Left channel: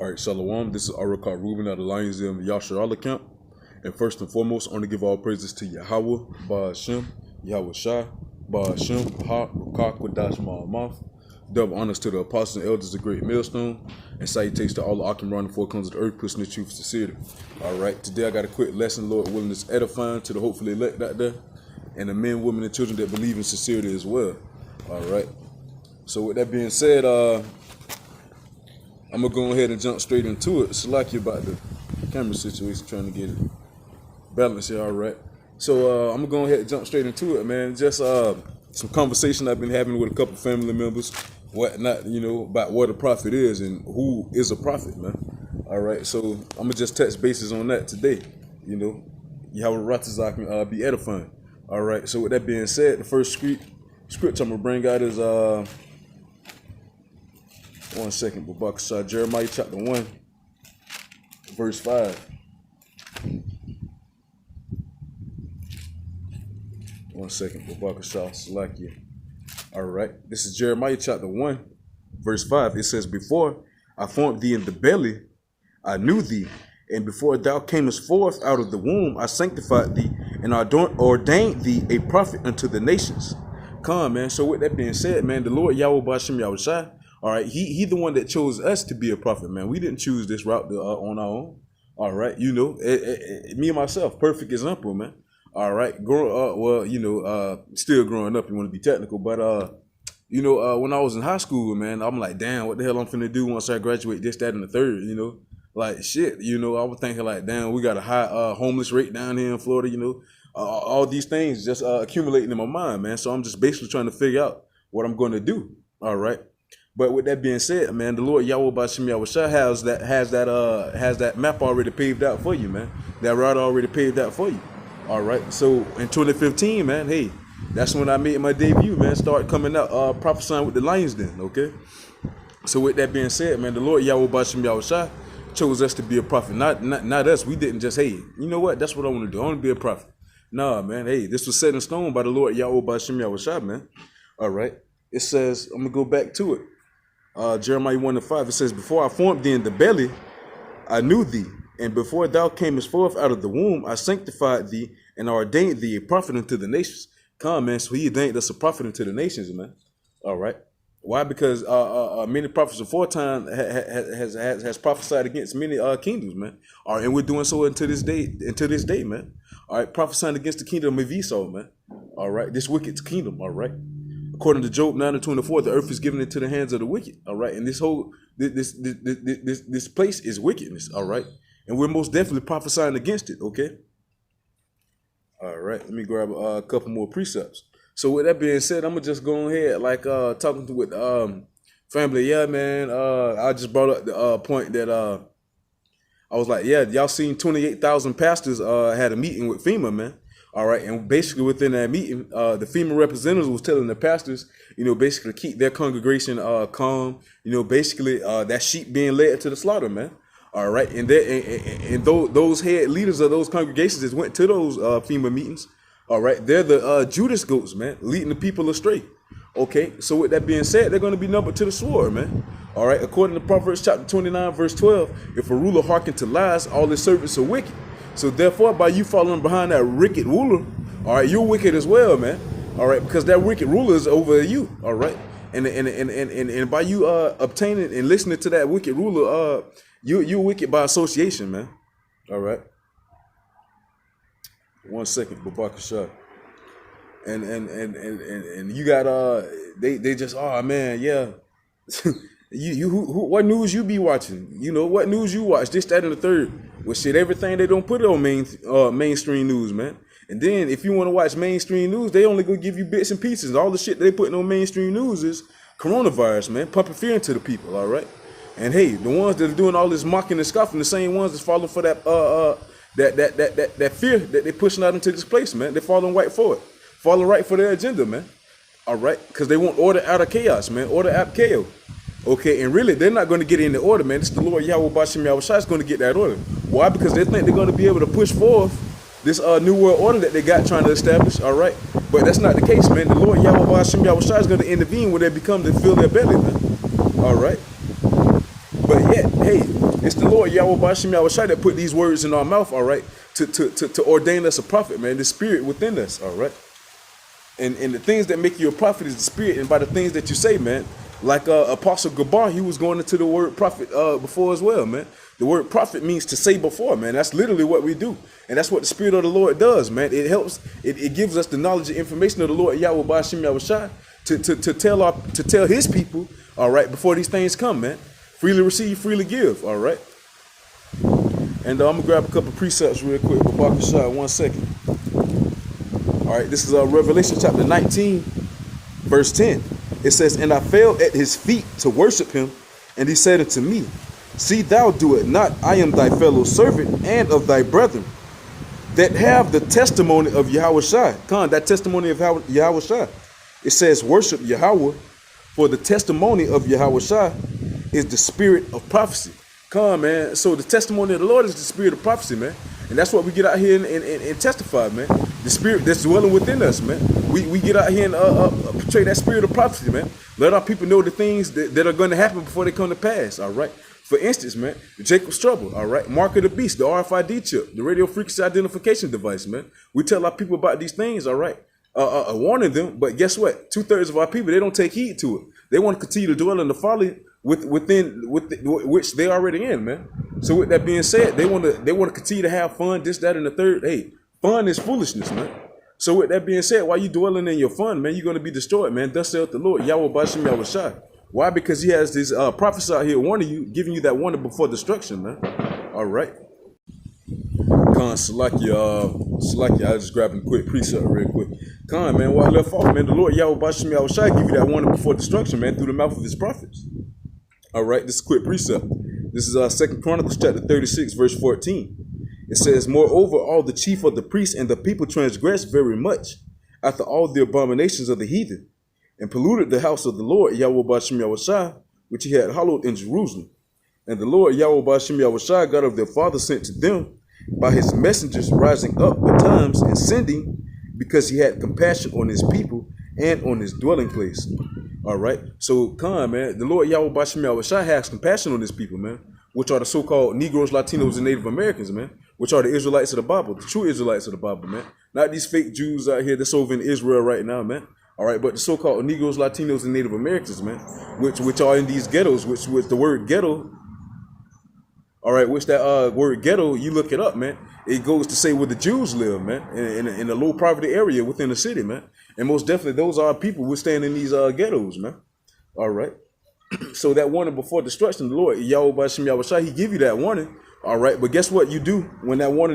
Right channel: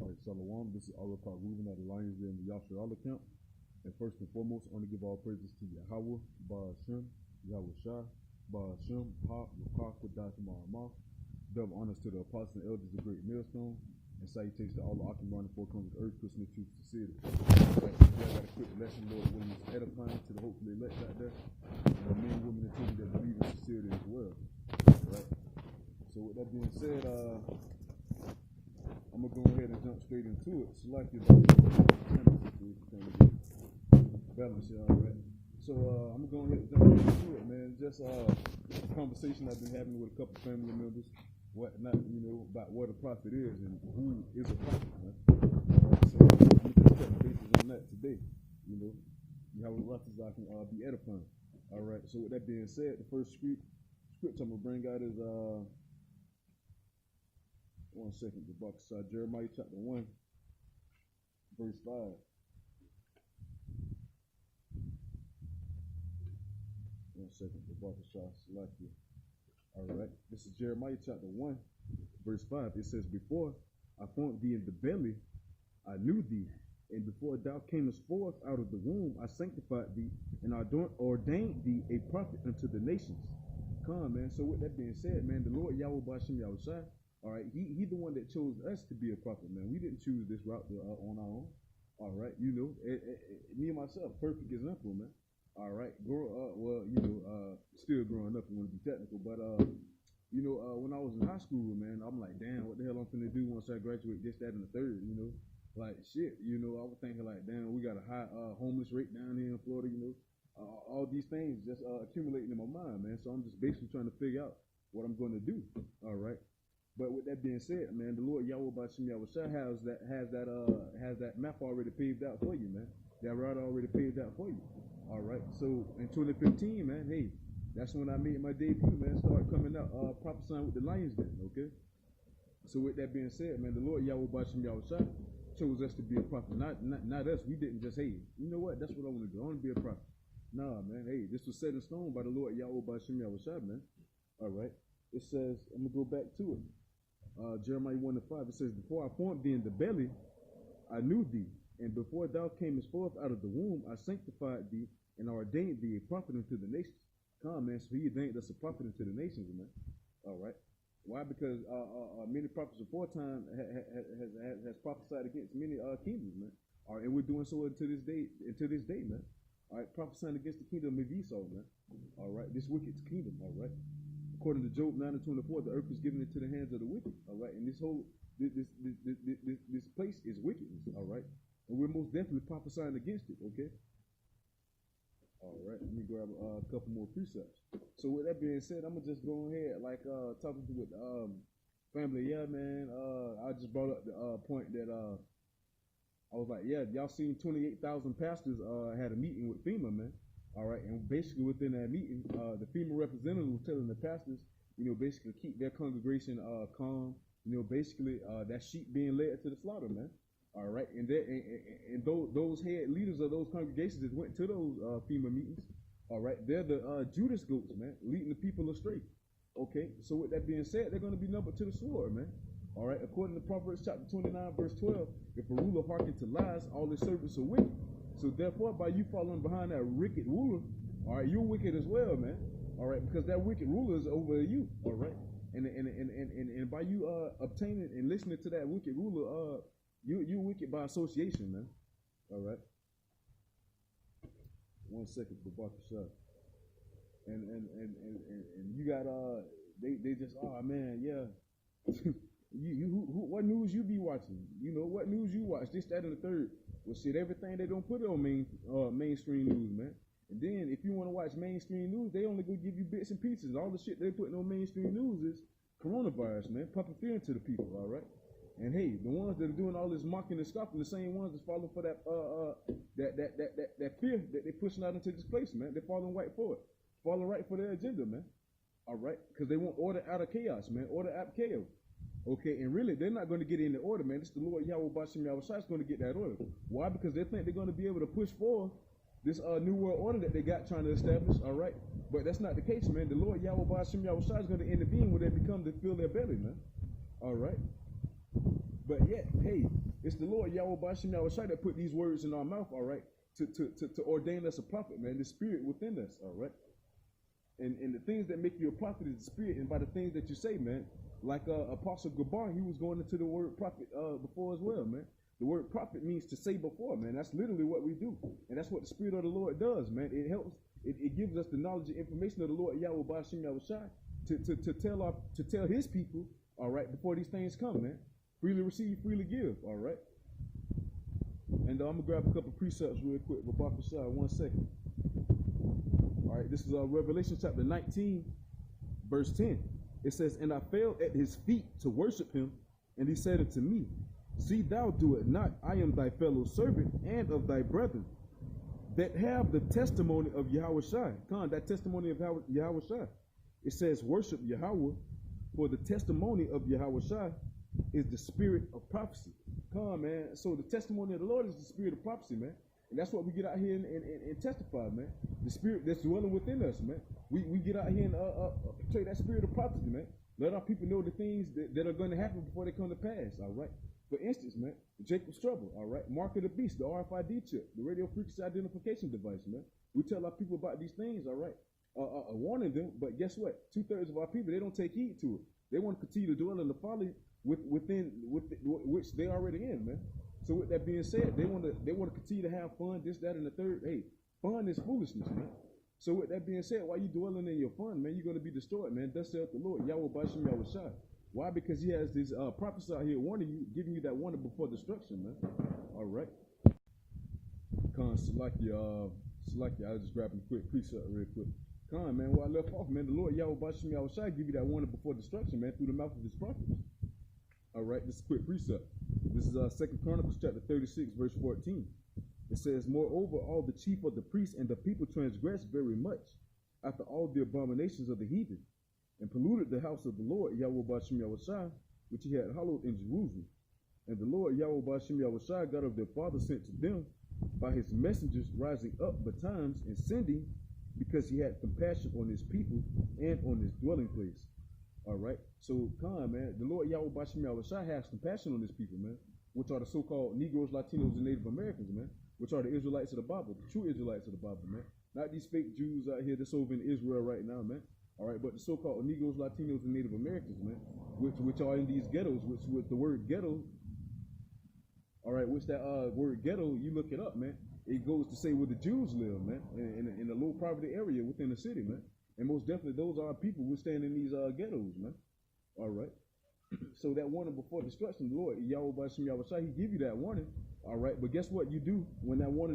All right, Shalom. This is Arakar Ruben out of Lions Den Yasharala camp. And first and foremost, I want to give all praises to Yahweh, Ba'ashem, Yahweh Shai, Ba'ashem, Ha, Rukak, Wadash, Ma'amath. Double honors to the apostles and elders of Great Millstone. And salutations to all the Akim around the four corners of the earth, pushing the truth with sincerity. All right, today I got a quick lesson, Lord willing, is edifying to the hopefully elect out there, and the men, women, and children that believe in sincerity as well. All right. So with that being said, I'm gonna go ahead and jump straight into it. Slack you about the camera situation, trying to get it balanced here. All right. So I'm gonna go ahead and jump straight into it, man. Just some conversation I've been having with a couple family members, whatnot, you know, about what a prophet is and who is a prophet, man. All right. So I'm gonna just touch bases on that today. You know, Yahweh Ratazak can be edifying. All right. So with that being said, the first script I'm gonna bring out is 1 second, Babakashah, Jeremiah chapter 1, verse 5. 1 second, Babakashah, Salakia. All right, this is Jeremiah chapter 1, verse 5. It says, "Before I formed thee in the belly, I knew thee, and before thou camest forth out of the womb, I sanctified thee, and ordained thee a prophet unto the nations." Come, man. So with that being said, man, the Lord Yahweh Ba'ashem Yahweh Shai, all right, he the one that chose us to be a prophet, man. We didn't choose this route on our own. All right, you know, me and myself, perfect example, man. All right, growing up, well, you know, still growing up, you want to be technical, but you know, when I was in high school, man, I'm like, damn, what the hell I'm finna do once I graduate, this, that, and the third, you know, like shit, you know, I was thinking like, damn, we got a high homeless rate down here in Florida, you know, all these things just accumulating in my mind, man. So I'm just basically trying to figure out what I'm going to do. All right. But with that being said, man, the Lord Yahweh Ba'ashem Yahweh Shai has that map already paved out for you, man. That route already paved out for you. All right. So in 2015, man, hey, that's when I made my debut, man. Start coming out prophesying with the Lions Den, okay? So with that being said, man, the Lord Yahweh Ba'ashem Yahweh Shai chose us to be a prophet. Not us. We didn't just, hey, you know what? That's what I want to do. I want to be a prophet. Nah, man. Hey, this was set in stone by the Lord Yahweh Ba'ashem Yahweh Shai, man. All right. It says, I'm gonna go back to it. Jeremiah 1:5, it says, "Before I formed thee in the belly, I knew thee, and before thou camest forth out of the womb, I sanctified thee and ordained thee a prophet unto the nations." Come, man. So he ordained us a prophet unto the nations, man. All right. Why? Because many prophets before time has prophesied against many kingdoms, man. All right, and we're doing so until this day, man. All right, prophesying against the kingdom of Esau, man. All right, this wicked kingdom. All right. According to Job 9:24, the earth is given into the hands of the wicked. All right, and this place is wickedness. All right, and we're most definitely prophesying against it. Okay. All right, let me grab a couple more precepts. So with that being said, I'm gonna just go ahead, like talking with family. Yeah, man. I just brought up the point that I was like, yeah, y'all seen 28,000 pastors had a meeting with FEMA, man. All right, and basically within that meeting, the FEMA representatives was telling the pastors, you know, basically keep their congregation calm. You know, basically that sheep being led to the slaughter, man. All right, and those head leaders of those congregations that went to those FEMA meetings, all right, they're the Judas goats, man, leading the people astray. Okay, so with that being said, they're going to be numbered to the sword, man. All right, according to Proverbs chapter 29, verse 12, if a ruler hearken to lies, all his servants are wicked. So therefore, by you following behind that wicked ruler, all right, you're wicked as well, man. All right, because that wicked ruler is over you. All right, and by you obtaining and listening to that wicked ruler, you're wicked by association, man. All right. 1 second, Babakashah. And you got they just, oh man, yeah. What news you be watching? You know, what news you watch? This, that, and the third. Well, shit, everything they don't put it on mainstream news, man. And then if you want to watch mainstream news, they only gonna give you bits and pieces. All the shit they putting on mainstream news is coronavirus, man, pumping fear into the people. All right. And hey, the ones that are doing all this mocking and scoffing, the same ones that's falling for that fear that they're pushing out into this place, man. They're falling right for it, falling right for their agenda, man. All right, because they want order out of chaos, man. Order out of chaos. Okay, and really, they're not going to get in the order, man. It's the Lord Yahweh Ba'ashem Yahweh Shai is going to get that order. Why? Because they think they're going to be able to push forth this new world order that they got trying to establish, all right? But that's not the case, man. The Lord Yahweh Ba'ashem Yahweh Shai is going to intervene when they become to fill their belly, man. All right? But yet, hey, It's the Lord Yahweh Bashim Yahushua that put these words in our mouth, all right, to ordain us a prophet, man. The spirit within us, all right. And the things that make you a prophet is the spirit, and by the things that you say, man. Like Apostle Gabar, he was going into the word prophet before as well, man. The word prophet means to say before, man. That's literally what we do. And that's what the Spirit of the Lord does, man. It helps, it gives us the knowledge and information of the Lord Yahweh Bashim Yahushua to tell his people, all right, before these things come, man. Freely receive, freely give, all right. And I'm gonna grab a couple precepts real quick. Babakashah, 1 second. All right, this is Revelation chapter 19, verse 10. It says, and I fell at his feet to worship him, and he said unto me, see thou do it not, I am thy fellow servant and of thy brethren, that have the testimony of Yahushua. That testimony of Yahushua. It says, worship Yahweh, for the testimony of Yahushua is the spirit of prophecy. Man. So the testimony of the Lord is the spirit of prophecy, man. And that's what we get out here and testify, man. The spirit that's dwelling within us, man. We get out here and portray that spirit of prophecy, man. Let our people know the things that are going to happen before they come to pass, all right? For instance, man, Jacob's trouble, all right? Mark of the beast, the RFID chip, the radio frequency identification device, man. We tell our people about these things, all right? Warning them, but guess what? 2/3 of our people, they don't take heed to it. They want to continue to dwell in the folly which they already in, man. So with that being said, they want to continue to have fun, this, that, and the third. Hey, fun is foolishness, man. So with that being said, while you dwelling in your fun, man, you're going to be destroyed, man. Thus saith the Lord, Yahweh Bashim Yahushua. Why? Because he has this prophets out here warning you, giving you that warning before destruction, man. All right. Salaki, I just grabbing a quick precept real quick. Man, while I left off, man, the Lord Yahweh Bashim Yahushua give you that warning before destruction, man, through the mouth of his prophets. All right, this is a quick precept. This is 2 Chronicles chapter 36, verse 14. It says, moreover, all the chief of the priests and the people transgressed very much after all the abominations of the heathen, and polluted the house of the Lord Yahweh Bashim Yahushua, which he had hallowed in Jerusalem. And the Lord Yahweh Bashim Yahushua, God of their father, sent to them by his messengers rising up betimes and sending, because he had compassion on his people and on his dwelling place. All right. So, man, the Lord Yahweh Bashim Yahushua has compassion on his people, man, which are the so-called Negroes, Latinos, and Native Americans, man, which are the Israelites of the Bible, the true Israelites of the Bible, man. Not these fake Jews out here that's over in Israel right now, man. All right, but the so-called Negroes, Latinos, and Native Americans, man, which are in these ghettos, which the word ghetto, all right, which that word ghetto, you look it up, man. It goes to say where the Jews live, man, in a low poverty area within the city, man. And most definitely, those are people who stand in these ghettos, man. All right. So that warning before destruction, the Lord Yahweh Bashim Yahushua, he give you that warning. All right. But guess what you do when that warning